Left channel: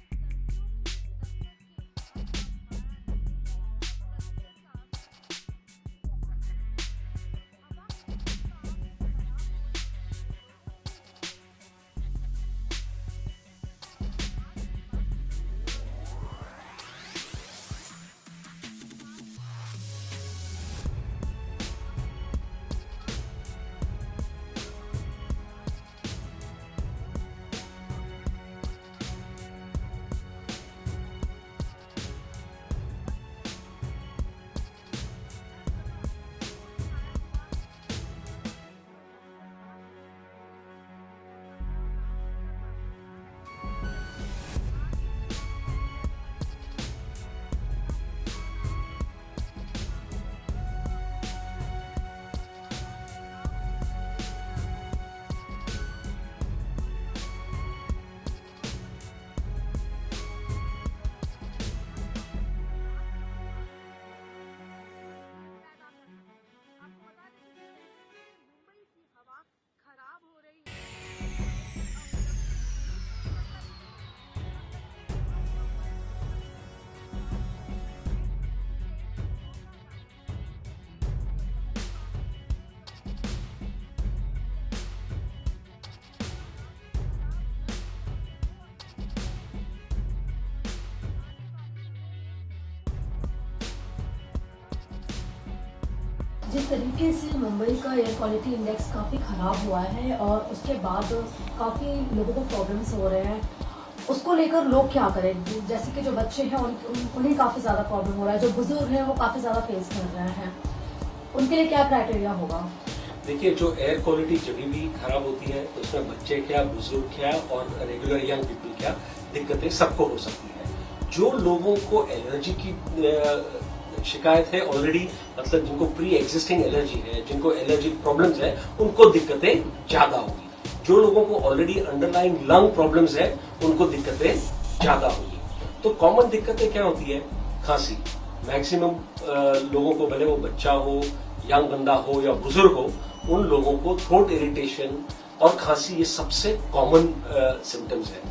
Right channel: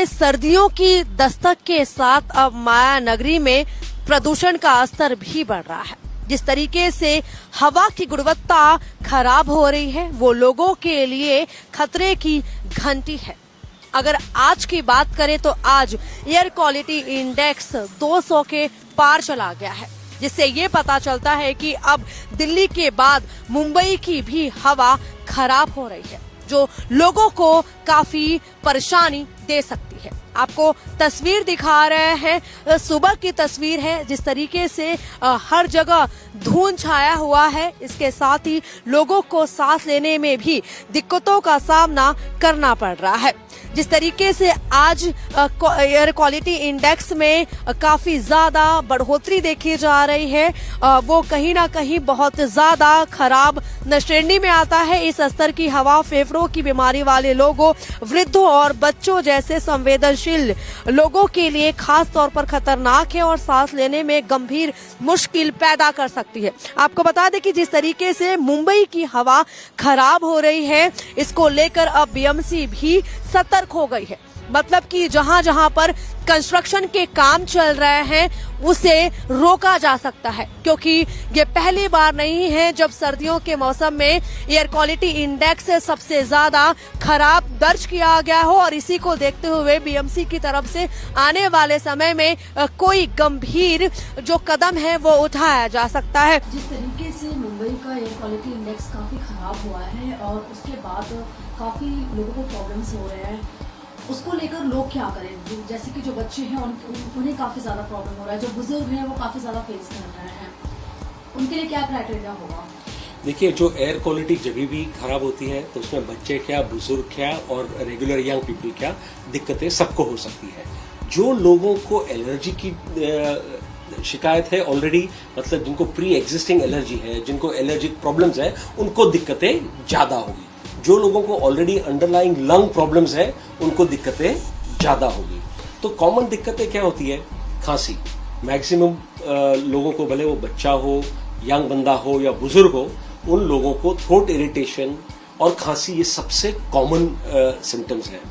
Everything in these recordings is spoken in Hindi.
देखिए, सर्दियों की दस्तक के साथ अब माया नगरी में प्रदूषण का स्तर भी बढ़ रहा है। जिस तरीके से हवा की गुणवत्ता खराब हो रही है, वो लोगों के लिए खतरे की घंटी है। अगर आज की बात करें तो आज एयर क्वालिटी इंडेक्स 200 के पार चला गया है, जिससे ये पता चलता है कि अब दिल्ली के बाद मुंबई की भी हवा खराब हो रही है, जो लोगों को काफी परेशानी दे सकती है। आपको तस्वीर दिखा रहे हैं, सुबह की तस्वीर है। जिस तरीके से हर जगह धुंध छाया हुआ है, इसके साथ ही लोगों को सांस लेने में भी दिक्कतों का सामना करना पड़ रहा है। जिस तरीके से आज एयर क्वालिटी इंडेक्स में काफी ज्यादा बढ़ोतरी देखी जा रही है, वो कहीं ना कहीं बहुत ज्यादा खराब श्रेणी में आता है। इस स्तर की हवा फेफड़ों की बीमारी वाले लोगों, वृद्धों और बच्चों जैसे संवेदनशील लोगों के लिए खास तौर पर खतरनाक है और सांस लेने में गंभीर मुश्किल पैदा कर सकती है। आपको बता दें कि जिस तरीके से मुंबई की हवा खराब हो रही है, इसको लेकर अब बीएमसी भी सतर्क हो गई है। मतलब कि जहां जहां पर कंस्ट्रक्शन के काम चल रहे हैं, उसे रोका जा सकता है, क्योंकि ये पहली बार नहीं है जब सर्दियों के मौसम में एयर क्वालिटी इंडेक्स सबसे ज्यादा खराब दर्ज किया गया हो। और इसी को देखते हुए बीएमसी की तरफ से आने वाले समय में कोई गंभीर जो कदम है वो उठाया जा सकता है। जिस तरीके से मुंबई का एयर क्वालिटी इंडेक्स काफी खराब हुआ है और उसके बाद काफी लोगों को प्रॉब्लम्स हो रहे हैं, उसको लेकर लोग क्या करें? जैसे कि जो बच्चे हैं उन्हें काफी ज्यादा प्रॉब्लम हो रहा है, जो बुजुर्ग हैं वो काफी ज्यादा फेस कर रहे हैं, उनके लिए क्या क्राइटेरिया होगा? देखिए, जो एयर क्वालिटी जब भी खराब होती है तो उसमें बच्चे क्या, बुजुर्ग क्या और रेगुलर यंग पीपल क्या, दिक्कतें सबको हो सकती है। जो लोगों को एलर्जी की शिकायत है ऑलरेडी, मतलब जिनको प्री एग्जिस्टिंग एलर्जी है, जिनको एलर्जिक प्रॉब्लम्स है, उनको दिक्कतें ज्यादा होगी। जो लोगों को ऑलरेडी अंडरलाइंग लंग प्रॉब्लम्स है, उनको दिक्कतें ज्यादा होगी। तो कॉमन दिक्कतें क्या होती है? खांसी। मैक्सिमम लोगों को, भले वो बच्चा हो, यंग बंदा हो या बुजुर्ग हो, उन लोगों को थ्रोट इरिटेशन और खांसी, ये सबसे कॉमन सिम्टम्स हैं।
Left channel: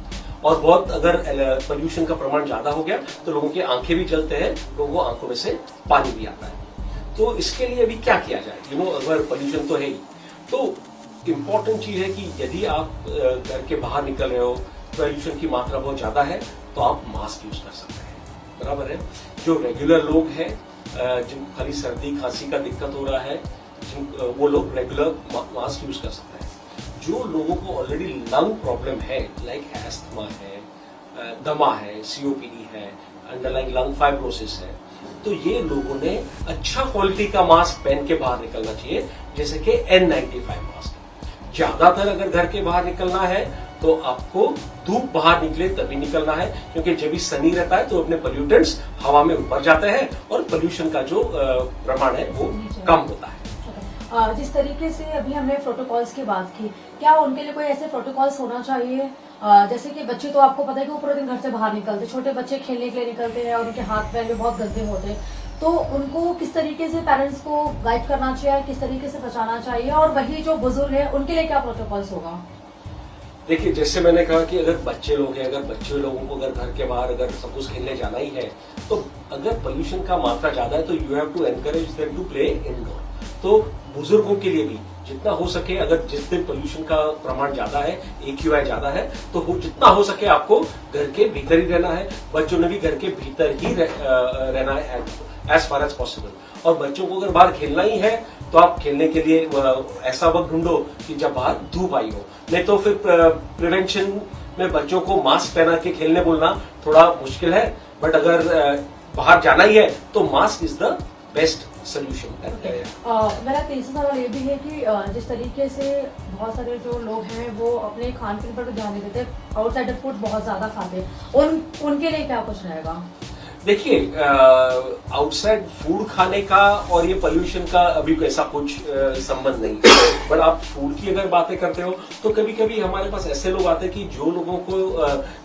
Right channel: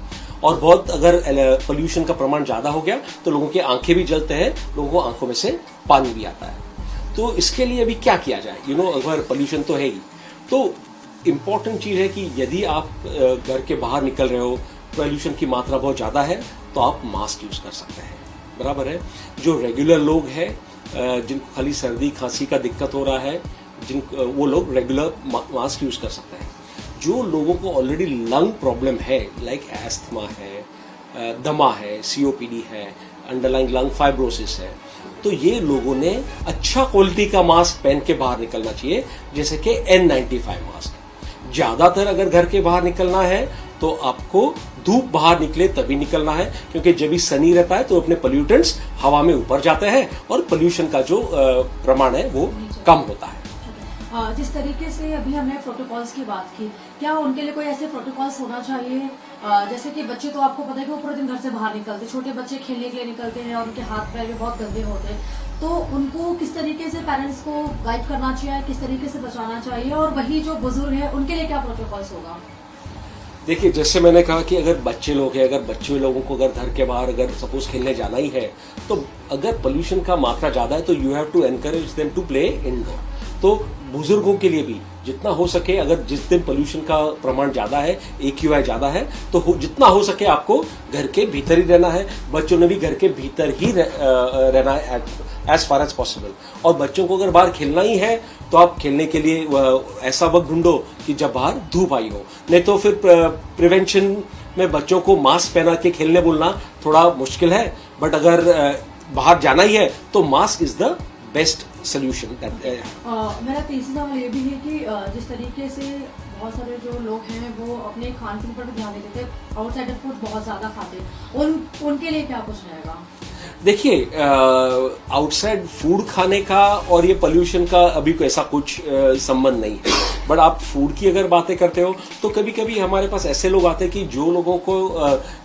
और बहुत अगर पोल्यूशन का प्रमाण ज्यादा हो गया तो लोगों की आंखें भी जलते हैं, लोगों को आंखों में से पानी भी आता है। तो इसके लिए अभी क्या किया जाए? अगर पोल्यूशन तो है ही, तो इम्पॉर्टेंट चीज है कि यदि आप घर के बाहर निकल रहे हो, पोल्यूशन की मात्रा बहुत ज्यादा है, तो आप मास्क यूज कर सकते हैं, बराबर है। जो रेगुलर लोग हैं, जिनको खाली सर्दी खांसी का दिक्कत हो रहा है, वो लोग रेगुलर मास्क यूज कर सकते हैं। जो लोगों को ऑलरेडी लंग प्रॉब्लम है, लाइक एस्थमा है, दमा है, सीओपीडी है, अंडरलाइंग लंग फाइब्रोसिस है, तो ये लोगों ने अच्छा क्वालिटी का मास्क पहन के बाहर निकलना चाहिए, जैसे कि N95 मास्क। ज्यादातर अगर घर के बाहर निकलना है तो आपको धूप बाहर निकले तभी निकलना है, क्योंकि जब भी सनी रहता है तो अपने पोल्यूटेंट्स हवा में ऊपर जाते हैं और पोल्यूशन का जो प्रमाण है वो कम होता है। जिस तरीके से अभी हमने प्रोटोकॉल्स की बात की, क्या उनके लिए कोई ऐसे प्रोटोकॉल्स होना चाहिए? जैसे कि बच्चे तो आपको पता है कि वो पूरे दिन घर से बाहर निकलते, छोटे बच्चे खेलने के लिए निकलते हैं और उनके हाथ पैर भी बहुत गंदे होते हैं, तो उनको किस तरीके से पेरेंट्स को गाइड करना चाहिए, किस तरीके से बचाना चाहिए? और वही जो बुजुर्ग है उनके लिए क्या प्रोटोकॉल्स होगा? देखिए, जैसे मैंने कहा कि अगर बच्चे लोग हैं, अगर बच्चे लोगों को अगर घर के बाहर अगर सपोज खेलने जाना ही है, तो अगर पोल्यूशन का मात्रा ज्यादा है तो you have to encourage them to play indoor. तो बुजुर्गों के लिए भी जितना हो सके, अगर जिस दिन पोल्यूशन का प्रमाण ज्यादा है, AQI ज्यादा है, तो जितना हो सके आपको घर के भीतर ही रहना है। बच्चों ने भी घर के भीतर ही रहना है एज फार एज पॉसिबल। और बच्चों को अगर बाहर खेलना ही है तो आप खेलने के लिए ऐसा वक्त ढूंढो कि जब बाहर धूप आई हो, नहीं तो फिर प्रिवेंशन में बच्चों को मास्क पहना के खेलने बोलना थोड़ा मुश्किल है। बट अगर बाहर जाना ही है तो mask is the best solution. मेरा तीसरा सवाल ये भी है कि जिस तरीके से बहुत सारे जो लोग हैं वो अपने खान पीन पर ध्यान नहीं देते, आउटसाइडर फूड बहुत ज्यादा खाते हैं, उनके लिए क्या कुछ रहेगा? देखिए, आउटसाइड फूड खाने का और ये पोल्यूशन का अभी ऐसा कुछ संबंध नहीं है। बट आप फूड की अगर बातें करते हो तो कभी कभी हमारे पास ऐसे लोग आते हैं कि जो लोगों को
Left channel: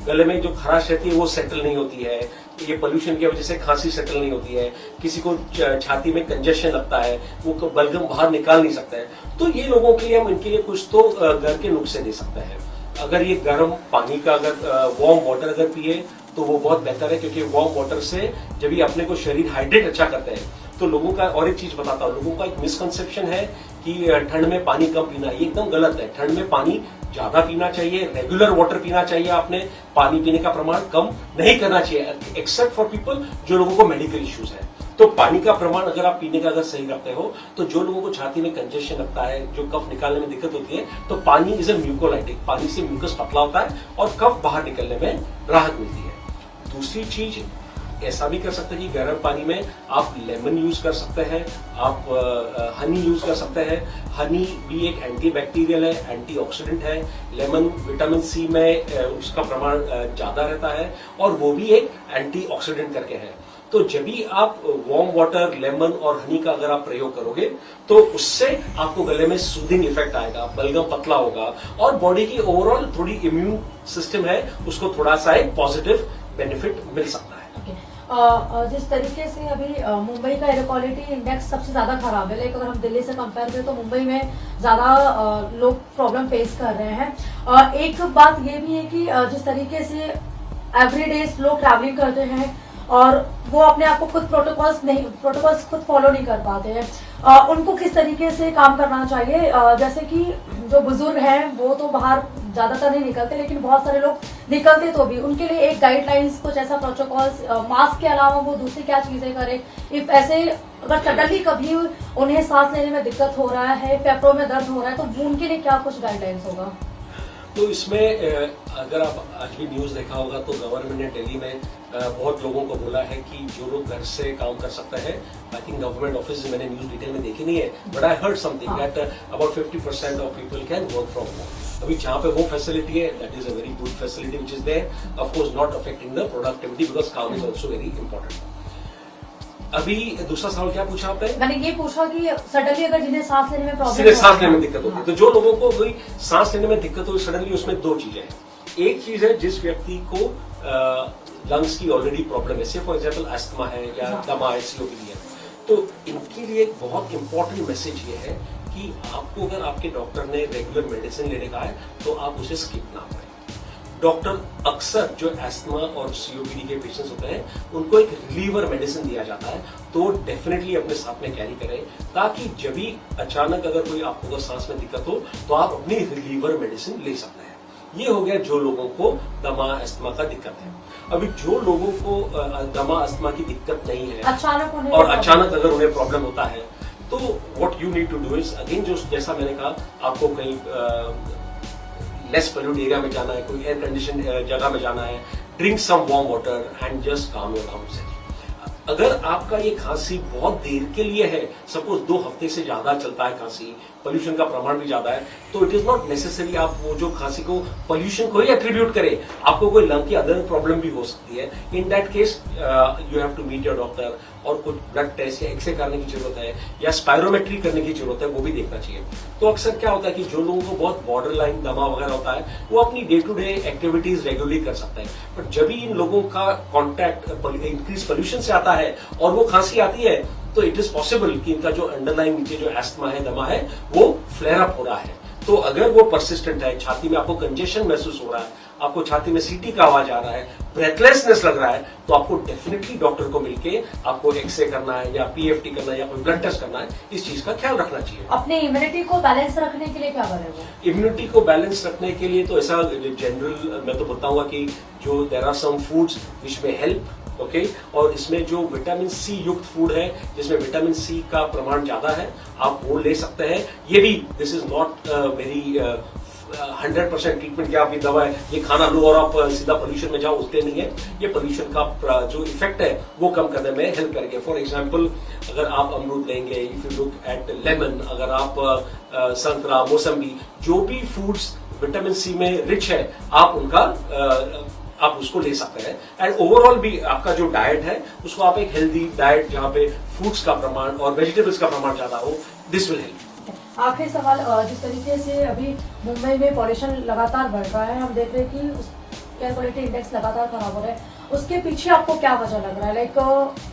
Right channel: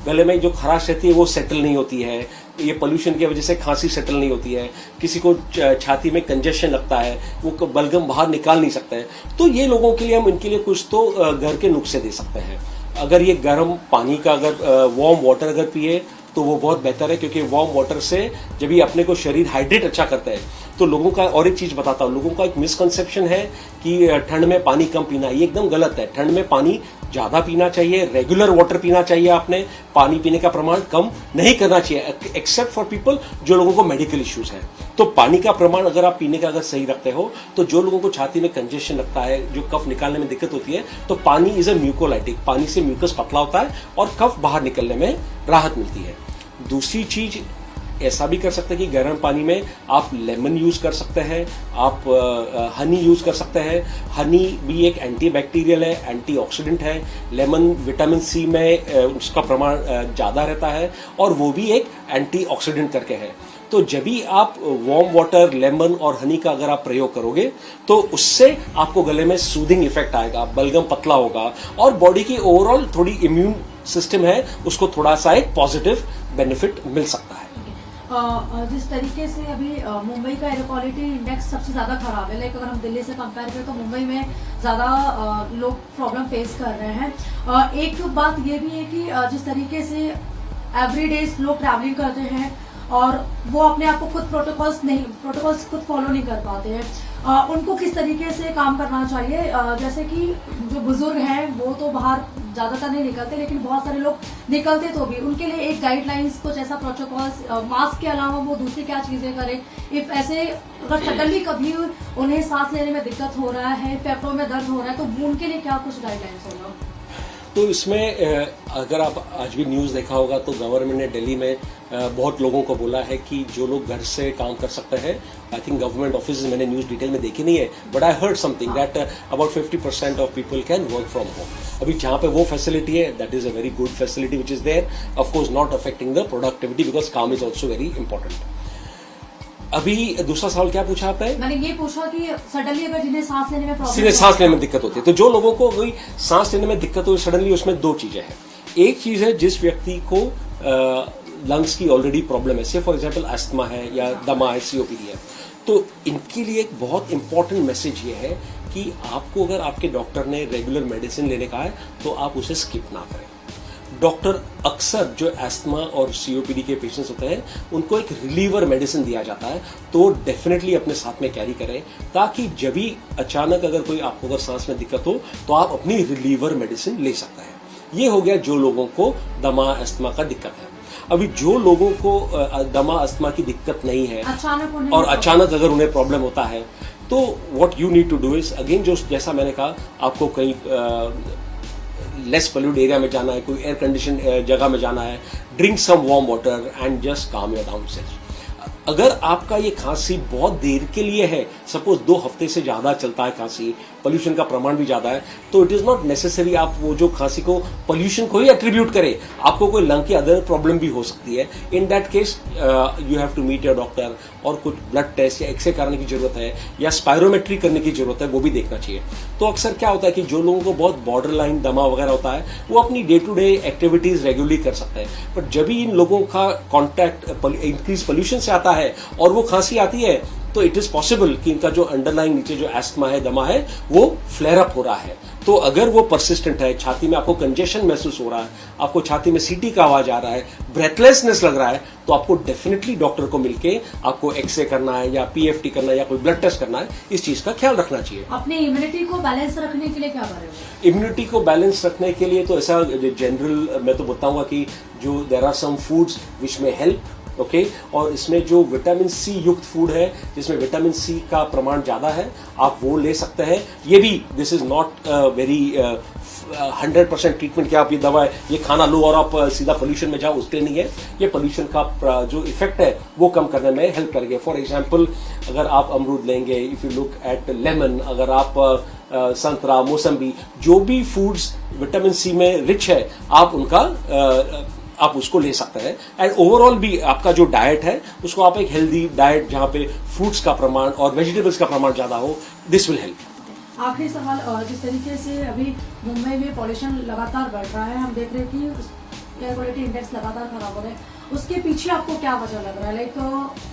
गले में जो खराश रहती है वो सेटल नहीं होती है, ये पोल्यूशन की वजह से खांसी सेटल नहीं होती है, किसी को छाती में कंजेशन लगता है, वो बलगम बाहर निकाल नहीं सकते हैं, तो ये लोगों के लिए हम इनके लिए कुछ तो घर के नुस्खे दे सकते हैं। अगर ये गर्म पानी का अगर वार्म वाटर अगर पिए तो वो बहुत बेहतर है, क्योंकि वार्म वाटर से जब ये अपने को शरीर हाइड्रेट अच्छा करता है। तो लोगों का और एक चीज बताता हूँ, लोगों का एक मिसकंसेप्शन है कि ठंड में पानी कम पीना, ये एकदम गलत है। ठंड में पानी ज्यादा पीना चाहिए, रेगुलर वाटर पीना चाहिए। आपने पानी पीने का प्रमाण कम नहीं करना चाहिए, एक्सेप्ट फॉर पीपल जो लोगों को मेडिकल इश्यूज है। तो पानी का प्रमाण अगर आप पीने का अगर सही रखते हो, तो जो लोगों को छाती में कंजेशन लगता है, जो कफ निकालने में दिक्कत होती है, तो पानी इज अ म्यूकोलाइटिक, पानी से म्यूकस पतला होता है और कफ बाहर निकलने में राहत मिलती है। दूसरी चीज ऐसा भी कर सकते हैं कि गर्म पानी में आप लेमन यूज कर सकते हैं, आप हनी यूज कर सकते हैं। हनी भी एक एंटीबैक्टीरियल है, एंटीऑक्सीडेंट है। लेमन विटामिन सी में उसका प्रमाण ज्यादा रहता है और वो भी एक एंटीऑक्सीडेंट करके है। तो जब भी आप वार्म वाटर, लेमन और हनी का अगर आप प्रयोग करोगे, तो उससे आपको गले में सूदिंग इफेक्ट आएगा, बलगम पतला होगा और बॉडी की ओवरऑल थोड़ी इम्यून सिस्टम है उसको थोड़ा सा एक पॉजिटिव बेनिफिट मिल सकता है। जिस तरीके से अभी मुंबई का एयर क्वालिटी इंडेक्स सबसे ज्यादा खराब है, लाइक अगर हम दिल्ली से कंपेयर करें तो मुंबई में ज्यादा लोग प्रॉब्लम फेस कर रहे हैं। एक बात ये भी है कि जिस तरीके से एवरीडे लोग ट्रैवलिंग करते हैं और वो अपने आप को खुद प्रोटोकॉल्स खुद फॉलो नहीं कर पाते हैं, उनको किस तरीके से काम करना चाहिए? जैसे कि जो बुजुर्ग हैं वो तो बाहर ज्यादातर नहीं निकलते, लेकिन बहुत सारे लोग निकलते तो भी, उनके लिए एक गाइडलाइंस कुछ ऐसा प्रोटोकॉल्स, मास्क के अलावा वो दूसरी क्या चीजें करें इफ ऐसे अगर सडनली कभी उन्हें सांस लेने में दिक्कत हो रहा है, फेफड़ों में दर्द हो रहा है, तो उनके लिए क्या कुछ गाइडलाइंस होगा? तो इसमें अगर आप आज भी न्यूज़ देखा होगा तो गवर्नमेंट ने दिल्ली में बहुत लोगों को बोला है कि जो लोग घर से काम कर सकते हैं, आई थिंक गवर्नमेंट ऑफिस मैंने न्यूज़ डिटेल में देखी नहीं है, but I heard something that about 50% of people can work from home. अभी जहाँ पे वो फैसिलिटी है, that is a very good facility which is there, of course not affecting the productivity because काम इज ऑल्सो वेरी इंपॉर्टेंट। अभी दूसरा सवाल क्या पूछा आपने? मैंने ये पूछा कि सडनली अगर जिन्हें सांस लेने में प्रॉब्लम, सांस लेने में दिक्कत होती है, तो जो लोगों को वही सांस लेने में दिक्कत हो सडनली, उसमें दो चीजें हैं। एक चीज है जिस व्यक्ति को लंग्स की ऑलरेडी प्रॉब्लम है, फॉर एग्जांपल अस्थमा है या दमा है, सीओपीडी है, तो इनके लिए एक बहुत इंपॉर्टेंट मैसेज ये है कि आपको अगर आपके डॉक्टर ने रेगुलर मेडिसिन लेने का है तो आप उसे स्किप ना करें। डॉक्टर अक्सर जो एस्थमा और सीओपीडी के पेशेंट्स होते हैं उनको एक रिलीवर मेडिसिन दिया जाता है, तो डेफिनेटली अपने साथ में कैरी करें, ताकि जब भी अचानक अगर कोई आपको अगर सांस में दिक्कत हो तो आप अपनी रिलीवर मेडिसिन ले सकते हैं। ये हो गया जो लोगों को दमा अस्थमा का दिक्कत है। अभी जो लोगों को दमा अस्थमा की दिक्कत नहीं है अचानक अगर उन्हें प्रॉब्लम होता है, तो what you need to do is again, जो जैसा मैंने कहा, आपको कहीं लेस पोल्यूटेड एरिया में जाना है, कोई एयर कंडीशन जगह में जाना है, drink some warm water and just calm your down self. अगर आपका ये खांसी बहुत देर के लिए है, सपोज 2 हफ्ते से ज्यादा चलता है खांसी, पोल्यूशन का प्रमाण भी ज्यादा है, तो इट इज नॉट नेसेसरी आप वो जो खांसी को पोल्यूशन को ही एट्रीब्यूट करें, आपको कोई लंग की अदर प्रॉब्लम भी हो सकती है। In that case you have to meet your doctor और कुछ ब्लड टेस्ट या एक्सरे करने की जरूरत है या स्पायरोमेट्री करने की जरूरत है, वो भी देखना चाहिए। तो अक्सर क्या होता है कि जो लोगों को बहुत बॉर्डर लाइन दमा वगैरह होता है, वो अपनी day to day activities regularly कर सकते हैं, बट जब भी इन लोगों का कॉन्टैक्ट इंक्रीज पोल्यूशन से आता है और वो खांसी आती है, तो इट इज पॉसिबल कि इनका जो अंडरलाइन नीचे जो एस्थमा है, दमा है, वो फ्लेयर अप हो रहा है। तो अगर वो परसिस्टेंट है, छाती में आपको कंजेशन महसूस हो रहा है, आपको छाती में सीटी का आवाज आ रहा है, ब्रेथलेसनेस लग रहा है, तो आपको डेफिनेटली डॉक्टर को मिलके आपको एक्सरे करना है या पीएफटी करना है या कोई ब्लड टेस्ट करना है, इस चीज का ख्याल रखना चाहिए। अपने इम्यूनिटी को बैलेंस रखने के लिए क्या करें? इम्यूनिटी को बैलेंस रखने के लिए तो ऐसा जनरल मैं तो बताऊंगा कि जो there are some foods which में हेल्प, ओके, और इसमें जो विटामिन सी युक्त फूड है जिसमें विटामिन सी का प्रमाण ज्यादा है, आप वो ले सकते हैं। ये भी this is not very 100% treatment कि आप ये दवा है ये खाना लो और आप सीधा पोल्यूशन में जाओ, उसके नहीं है। ये पोल्यूशन का जो इफेक्ट है वो कम करने में हेल्प करेंगे। फॉर एग्जांपल, अगर आप अमरूद लेंगे, if you look at lemon, अगर आप संतरा, मौसम्बी, जो भी फूड्स विटामिन सी में रिच है, आप उसको ले सकते हैं। एंड ओवरऑल भी आपका जो डाइट है उसको आप एक हेल्दी डाइट जहां पे फ्रूट्स का प्रमाण और वेजिटेबल्स का प्रमाण ज्यादा हो, दिस विल हेल्प। आखिरी सवाल, जिस तरीके से अभी मुंबई में पॉल्यूशन लगातार बढ़ रहा है, हम देख रहे हैं कि एयर क्वालिटी इंडेक्स लगातार खराब हो रहा है, उसके पीछे आपको क्या वजह लग रहा है? लाइक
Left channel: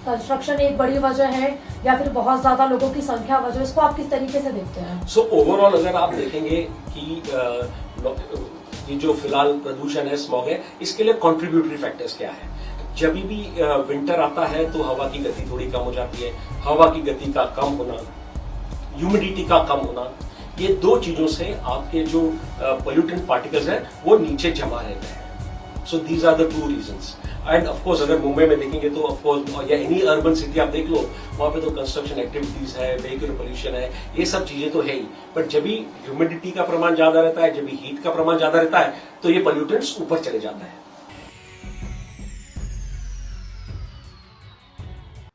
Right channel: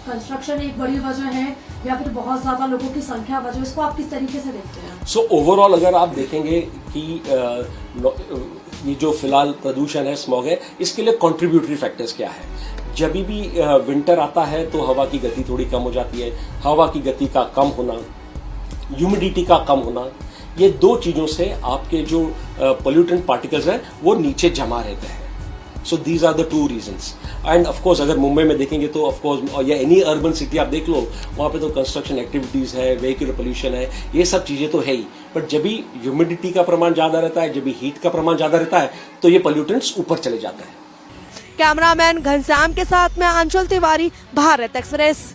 कंस्ट्रक्शन एक बड़ी वजह है या फिर बहुत ज्यादा लोगों की संख्या वजह, इसको आप किस तरीके से देखते हैं? सो ओवरऑल अगर आप देखेंगे कि ये जो फिलहाल प्रदूषण है, स्मॉग है, इसके लिए कंट्रीब्यूटरी फैक्टर्स क्या है? जब भी विंटर आता है तो हवा की गति थोड़ी कम हो जाती है, हवा की गति का कम होना, ह्यूमिडिटी का कम होना, ये दो चीजों से आपके जो पोल्यूटेंट पार्टिकल्स हैं वो नीचे जमा रहते हैं। So these are the two reasons. And of course अगर मुंबई में देखेंगे तो ऑफ कोर्स या एनी अर्बन सिटी आप देख लो, वहाँ पे तो कंस्ट्रक्शन एक्टिविटीज है, व्हीकल पोल्यूशन है, ये सब चीजें तो है ही। बट जब भी ह्यूमिडिटी का प्रमाण ज्यादा रहता है, जब भी हीट का प्रमाण ज्यादा रहता है, तो ये पोल्यूटेंट्स ऊपर चले जाते हैं। कैमरामैन घनश्याम के साथ में अंशुल तिवारी, भारत एक्सप्रेस।